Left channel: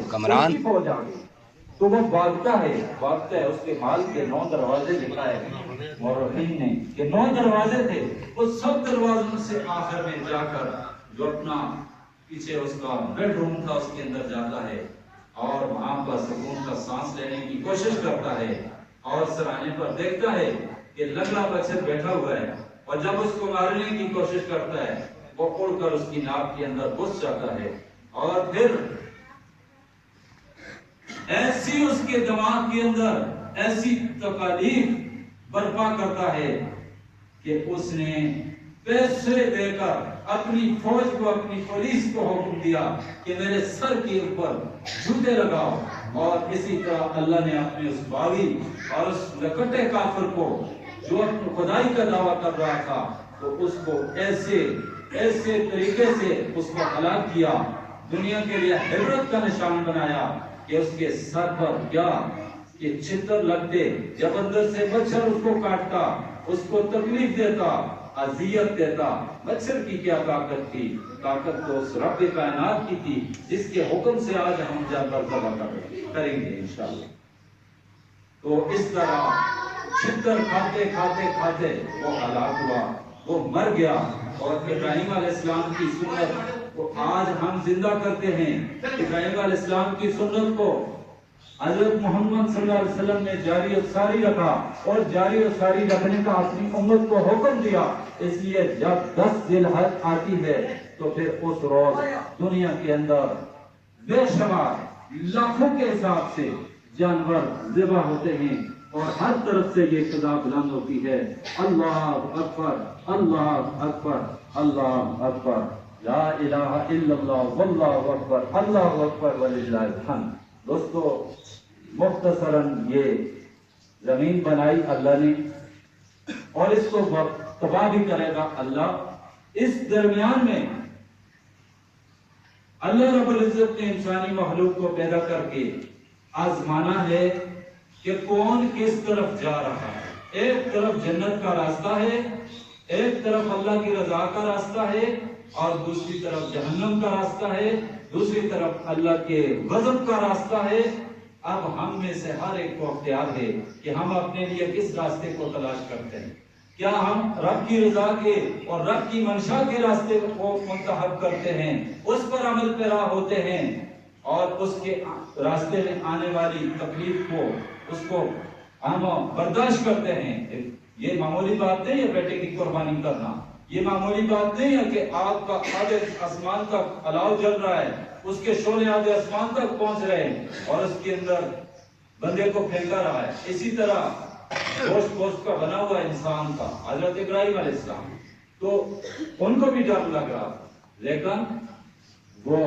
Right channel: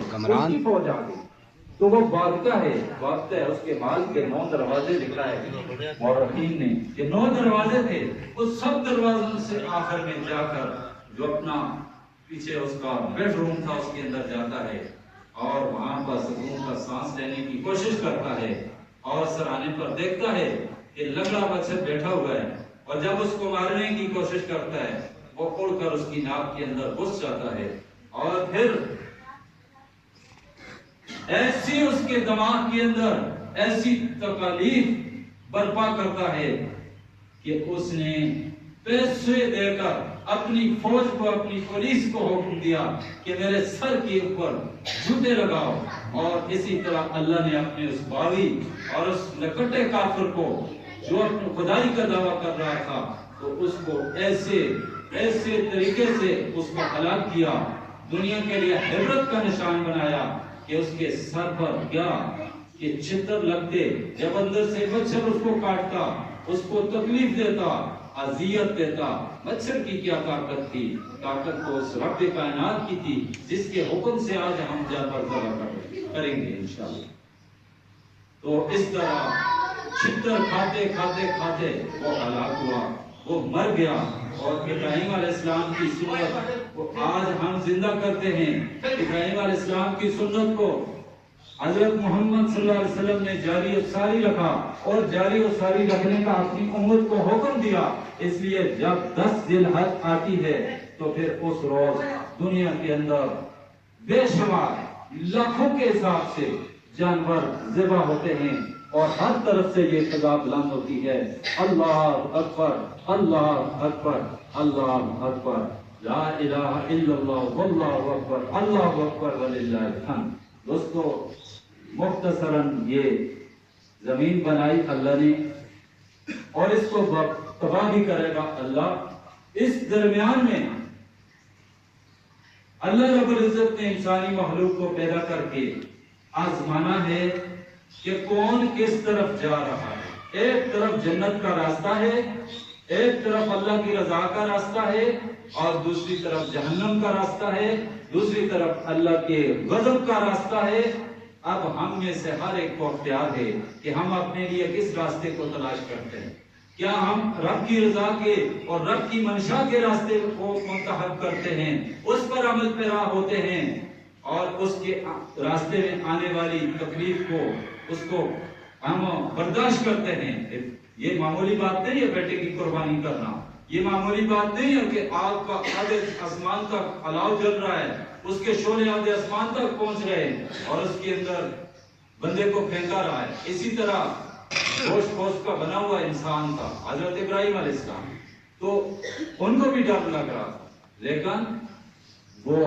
اس کی فوج آ گئی تو وہ بھاگتا ہے، اس کے مال کے 9 دروازے دکھائے مورخین نے کہ 9 دروازے تھے، اس سب دروازوں سے آخر میں جا کر جو اپنا پیچھے اس کا بیڈ روم تھا اس کے اندر جاتا ہے اور وہاں پر سکون کا سانس لینے کی کوشش کرتا ہے اور سرانے پر دیکھتا ہے کہ لنگڑا بچہ بیٹھا ہوا ہے اور جب اس کو مارنے کی کوشش کرتا ہے وہ اڑ کر اس کی ناک کے اندر گھس جاتا ہے اور پھر ایسی اس کے دماغ کے اندر ایسی تکالیف برپا کرتا ہے کہ اس نے پیسے دے کر اپنی فوج کو، اپنی پولیس کو حکم دیا کہ میرے سر کے اوپر جوتے لگاؤ، اور اسی طرح اللہ نے اپنے اس باغی اور اس لکٹے کافر کو جو اپنی خدائی کا دعویٰ کر رہا تھا تو اس کو ایسے طریقے سے اس کو ہلاک کیا، دنیا کے لیے عبرت کا نشان بنایا کہ اس کے سر پر کیا کہ چھتر لگتے، جب اندر سے مچھر اس کو کاٹتا، اس کو تکلیف دیتا، اذیت دیتا، مچھر کی کیا طاقت تھی؟ طاقت تو اس رب کائنات کی تھی جس کے حکم سے آج ہم جا پر کریں گے انشاءاللہ۔ تو اس طرح چھتر کھاتے وہ ہلاک ہوا، وہ مر گیا، اور ابراہیم علیہ السلام کی سنت کو آج ہم زندہ کرتے ہیں۔ ابراہیم علیہ السلام کی سنت کو حضرت محمد صلی اللہ علیہ وسلم نے جاری و ساری رکھا، اور جاری و ساری رکھنے کا اپنی امت کو حکم دیا۔ اس لیے جب 10 ذی الحج آتی ہے تو پھر اس روز دنیا کے اندر بے شمار لاکھوں کے حساب سے جانور ذبح ہوتے ہیں، اور ہر طرف سے یہ صدا بلند ہوتی ہے، اللہ اکبر، اللہ اکبر، اللہ اکبر، لا الہ الا اللہ، واللہ اکبر، اللہ اکبر وللہ الحمد۔ دوستو، مختصراً یہ زمین بنائی اللہ نے اور اس کو تباہ بھی کرے گا اللہ۔ اس درمیان میں اللہ رب العزت نے انسانی مخلوق کو پیدا کر کے آزمانا ہے کہ کون کس طرف جا رہا ہے۔ ایک طرف جنت کا راستہ ہے، ایک طرف اللہ کی رضا کا راستہ ہے، اور دوسری طرف جہنم کا راستہ ہے، دوسری طرف اللہ کے غضب کا راستہ ہے۔ اب ہم میں سے ہر ایک کو اختیار ہے کہ ہم اپنے لیے کس راستے کو تلاش کرتے ہیں۔ کیا ہم رب کی رضا کے اور رب کی منشا کے راستے کو منتخب کرتے ہیں، اس پر عمل پیرا ہوتے ہیں، اور اس کے راستے میں آنے والی تکلیف کو، اس کو ہم برداشت کرتے ہیں؟ یہ معمولی بات نہیں ہے بیٹے کی قربانی کرنا، یہ معمولی بات نہیں ہے کہ آگ کا آدھے آسمان تک الاؤ جل رہا ہے، اس کے شعلے آدھے آسمان تک پہنچ رہے ہیں اور اس کے اندر بندے کو پھینکا رہا ہے۔ اسی طرح گوشت کا بنا ہوا انسان تھا حضرت ابراہیم علیہ السلام، تو ان کو بھی ڈر لگ رہا تھا، لیکن وہ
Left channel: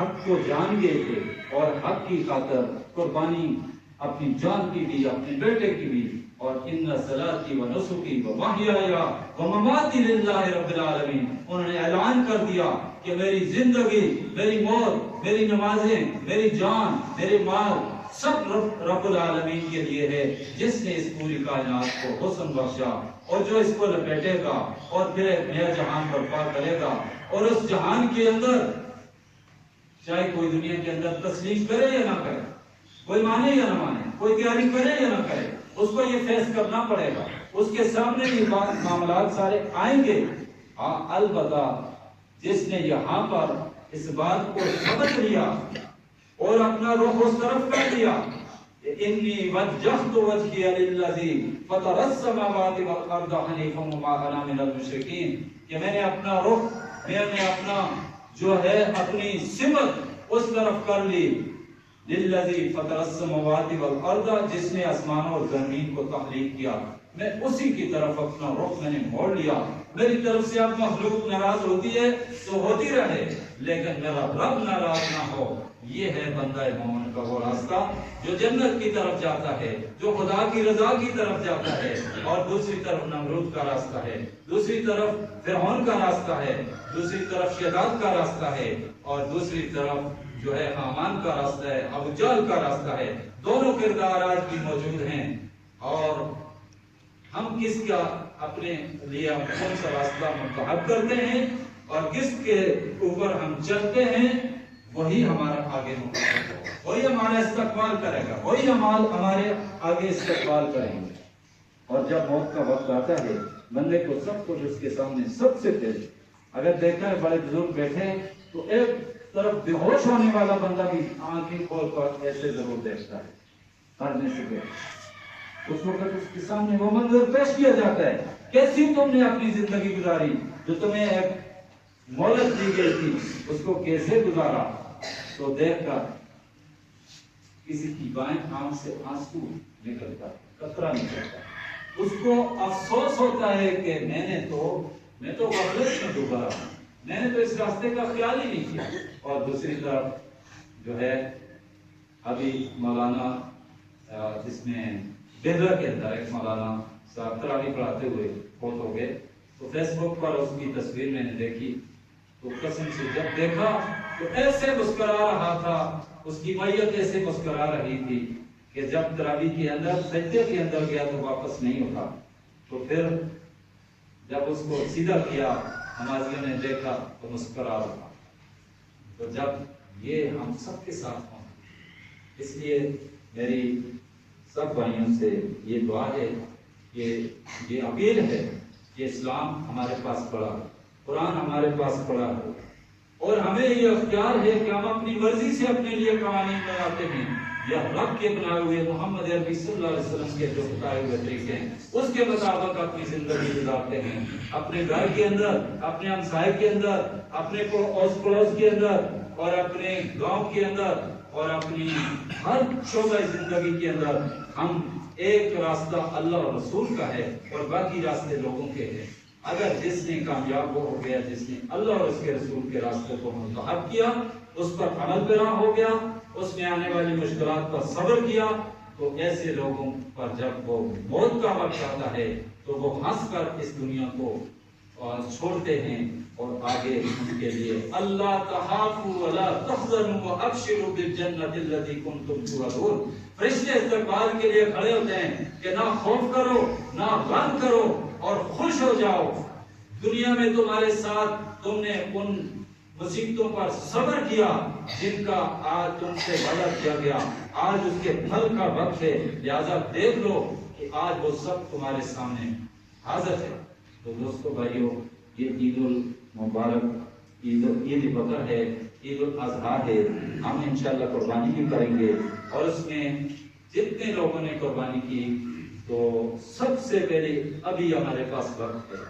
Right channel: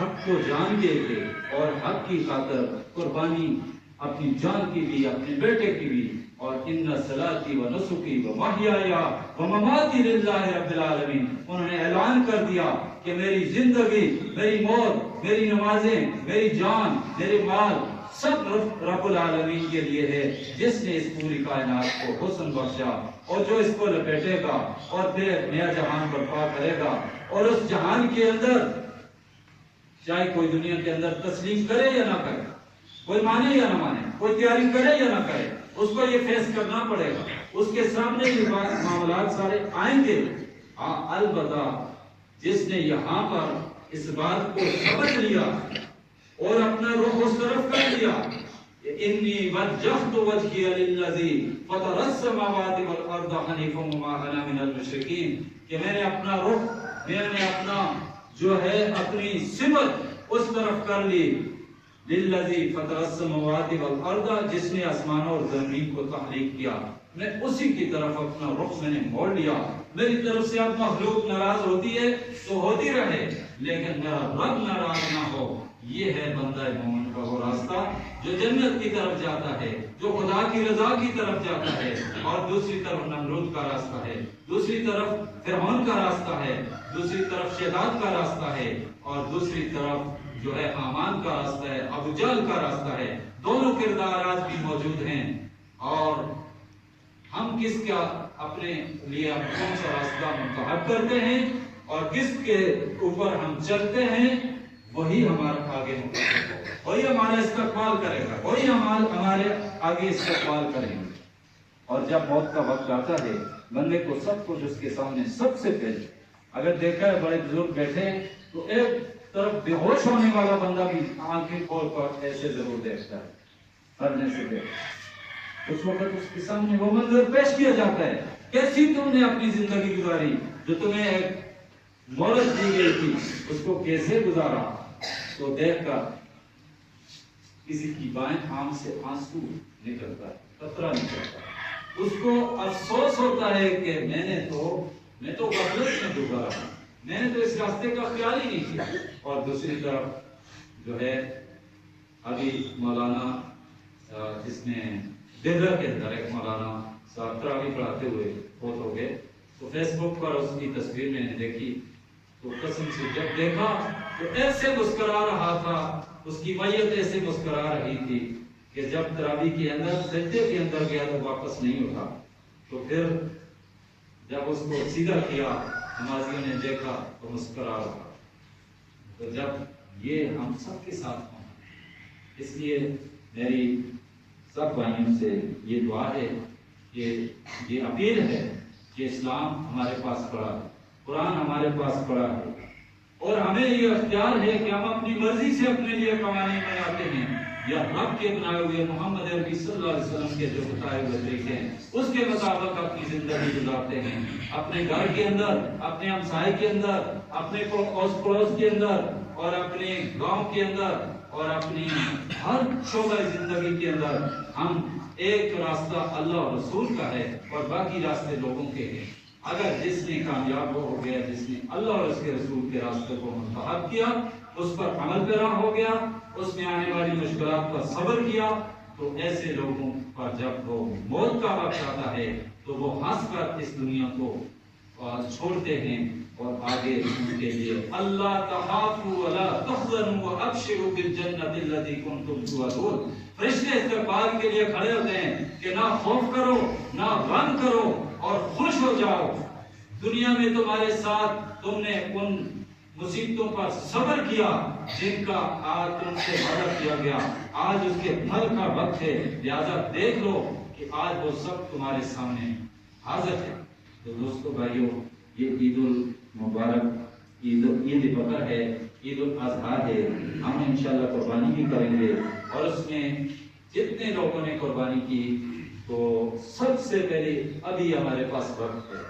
حق کو جان گئے تھے اور حق کی خاطر قربانی اپنی جان کی بھی، اپنے بیٹے کی بھی، اور ان صلاتی و نسکی و محیای و مماتی للہ رب العالمین، انہوں نے اعلان کر دیا کہ میری زندگی، میری موت، میری نمازیں، میری جان، میرے مال سب رب العالمین کے لیے ہے، جس نے اس پوری کائنات کو حسن بخشا اور جو اس کو لپیٹے گا اور پھر ایک نیا جہان برپا کرے گا، اور اس جہان کے اندر چاہے کوئی دنیا کے اندر تسلیم کرے یا نہ کرے، کوئی مانے یا نہ مانے، کوئی تیاری کرے یا نہ کرے، اس کو یہ فیس کرنا پڑے گا، اس کے سامنے یہ معاملات سارے آئیں گے۔ البتہ جس نے یہاں پر اس بات کو سمجھ لیا اور اپنا رخ اس طرف کر لیا کہ انی وجہت وجہی للذی فطر السماوات والارض حنیفا وما انا من المشرکین، کہ میں نے اپنا رخ، میں نے اپنا جو ہے اپنی سمت اس طرف کر لی، للذی فطر السماوات والارض، جس نے آسمانوں اور زمین کو تخلیق کیا، میں اسی کی طرف اپنا رخ میں نے موڑ لیا۔ میری طرف سے اب مخلوق ناراض ہوتی ہے تو ہوتی رہے، لیکن میرا رب ناراض نہ ہو۔ یہ ہے بندہ مومن کا وہ راستہ جو جنت کی طرف جاتا ہے، جو خدا کی رضا کی طرف جاتا ہے، اور دوسری طرف نمرود کا راستہ ہے، دوسری طرف فرعون کا راستہ ہے، دوسری طرف شداد کا راستہ ہے، اور دوسری طرف جو ہے حامان کا راستہ ہے، ابو جہل کا راستہ ہے۔ دونوں کردار آج بھی موجود ہیں، اور ہم کس کا اپنے لیے کون سا راستہ منتخب کرتے ہیں اور کس کے اوپر ہم چلتے ہیں، وہی ہمارا آگے ہوگا۔ ہمارا استقبال کرے گا، وہی ہمارے آگے استقبال کریں گے۔ اور جب موت کا وقت آتا ہے بندے کو سب کچھ اس کے سامنے سب سے پہلے، اگر دیکھا ہے بڑے بزرگ بیٹھے تو ایک طرف بے ہوش ہونے والا بندہ بھی آنکھیں کھول کر ایسے ضرور دیکھتا ہے مرنے سے پہلے۔ اس وقت اس کے سامنے وہ منظر پیش کیا جاتا ہے، کیسی تم نے اپنی زندگی گزاری، جو تمہیں ایک مہلت دی گئی تھی اس کو کیسے گزارا۔ تو دیکھ کر کسی کی بائیں آنکھ سے آنسو نکلتا، قطرہ نکلتا، اس کو افسوس ہوتا ہے کہ میں تو غفلت میں ڈوبا رہا، میں نے تو اس راستے کا خیال ہی نہیں کیا۔ اور دوسری طرف جو ہے ابھی مولانا جس میں بیدر کے اندر ایک مولانا صاحب تراویح پڑھاتے ہوئے فوت ہو گئے، تو فیس بک پر اس کی تصویر میں نے دیکھی تو قسم سے جب دیکھا تو ایسے مسکرا رہا تھا، اس کی میت ایسے مسکرا رہی تھی کہ جب تراویح کے اندر سجدے کے اندر گیا تو واپس نہیں اٹھا۔ تو پھر جب اس کو سیدھا کیا نمازیوں نے دیکھا تو مسکرا رہا۔ تو جب یہ ہم سب کے ساتھ ہوں، اس لیے میری سب بھائیوں سے یہ دعا ہے کہ یہ اپیل ہے کہ اسلام ہمارے پاس پڑا، قرآن ہمارے پاس پڑا ہے، اور ہمیں یہ اختیار ہے کہ ہم اپنی مرضی سے اپنے لیے قوانین بناتے ہیں یا رب کے بنائے ہوئے محمد عربی صلی اللہ علیہ وسلم کے جو بتائے ہوئے طریقے ہیں اس کے مطابق اپنی زندگی گزارتے ہیں، اپنے گھر کے اندر، اپنے ہمسائے کے اندر، اپنے اوس پڑوس کے اندر، اور اپنے گاؤں کے اندر، اور اپنی ہر شعبہ زندگی کے اندر ہم ایک راستہ اللہ اور رسول کا ہے اور باقی راستے لوگوں کے ہیں۔ اگر جس نے کامیاب ہو گیا، جس نے اللہ اور اس کے رسول کے راستے کو منتخب کیا، اس پر عمل پیرا ہو گیا، اس میں آنے والی مشکلات کا صبر کیا، تو ایسے لوگوں پر جب وہ موت کا وقت آتا ہے تو وہ ہنس کر اس دنیا کو چھوڑتے ہیں اور آگے ان کے لیے اللہ تخافوا ولا تحزنوا وابشروا بالجنۃ التي كنتم توعدون، فرشتے استقبال کے لیے کھڑے ہوتے ہیں کہ نہ خوف کرو، نہ غم کرو، اور خوش ہو جاؤ۔ دنیا میں تمہارے ساتھ تم نے ان مصیبتوں پر صبر کیا جن کا آج تم سے وعدہ کیا گیا، آج اس کے پھل کا وقت ہے، لہذا دیکھ لو کہ آج وہ سب تمہارے سامنے حاضر ہے۔ تو دوستو بھائیو، یہ عید المبارک عید بقر ہے، عید الاضحیٰ ہے، ہم انشاءاللہ قربانی بھی کریں گے، اور اس میں جتنے لوگوں نے قربانی کی تو سب سے پہلے ابھی ہمارے پاس وقت ہے،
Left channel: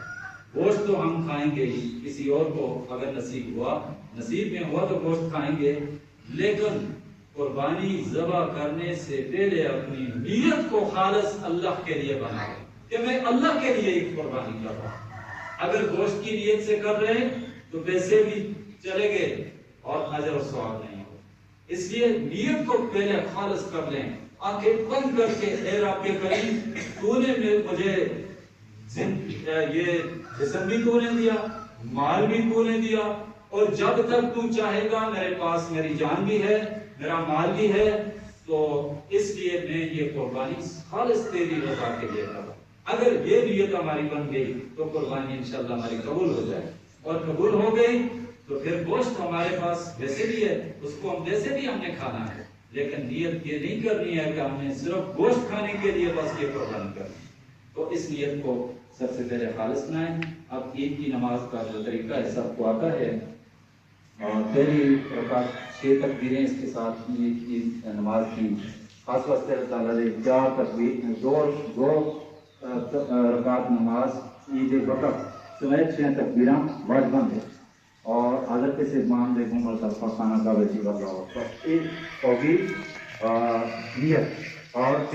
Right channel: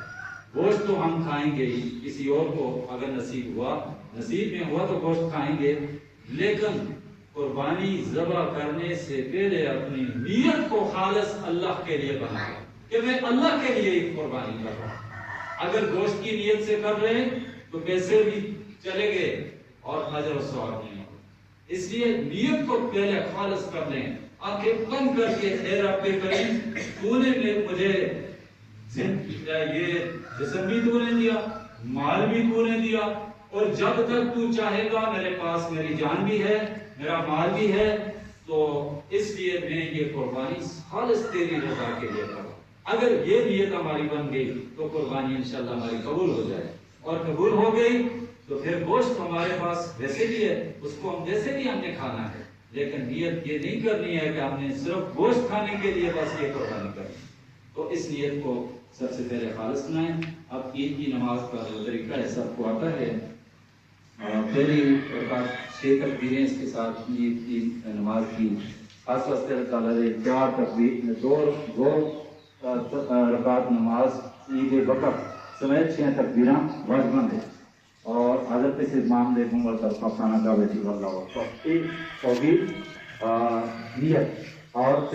گوشت تو ہم کھائیں گے ہی، کسی اور کو اگر نصیب میں ہوا تو گوشت کھائیں گے، لیکن قربانی ذبح کرنے سے پہلے اپنی نیت کو خالص اللہ کے لیے بنائیں کہ میں اللہ کے لیے ایک قربانی کر رہا ہوں۔ اگر گوشت کی نیت سے کر رہے تو پیسے بھی چلے گئے اور اجر و ثواب نہیں ہوگا، اس لیے نیت کو پہلے خالص کر لیں، آنکھیں بند کر کے اے رب کریم تو نے مجھے یہ جسم بھی تو نے دیا، مال بھی تو نے دیا، اور جب تک تو چاہے گا میرے پاس میری جان بھی ہے، میرا مال بھی ہے، تو اس لیے میں یہ قربانی خالص تیری رضا کے لیے کروں۔ اگر یہ نیت ہماری بن گئی تو قربانی انشاءاللہ ہماری قبول ہو جائے، اور قبول ہو گئی تو پھر گوشت ہمارے پاس ویسے بھی ہے، اس کو ہم ویسے بھی ہم نے کھانا ہے، لیکن نیت یہ نہیں کرنی ہے کہ ہم نے صرف گوشت کھانے کے لیے بس یہ قربانی کرنی۔ تو اس نیت کو سب سے پہلے خالص بنائیں۔ اب عید کی نماز کا جو طریقہ ہے سب کو آتا ہے، اور پہلی رکعت 6 تکبیریں اس کے ساتھ عید کی نماز کی خاص واسطے اللہ تعالیٰ نے 4 تکبیر دو رکعت نماز عید بقر سمیت 6 تکبیراں واجبند ہے، اور حضرت سے امام دیکھوں گا تب خانہ کا ویسی اللہ ہوگی نیت اور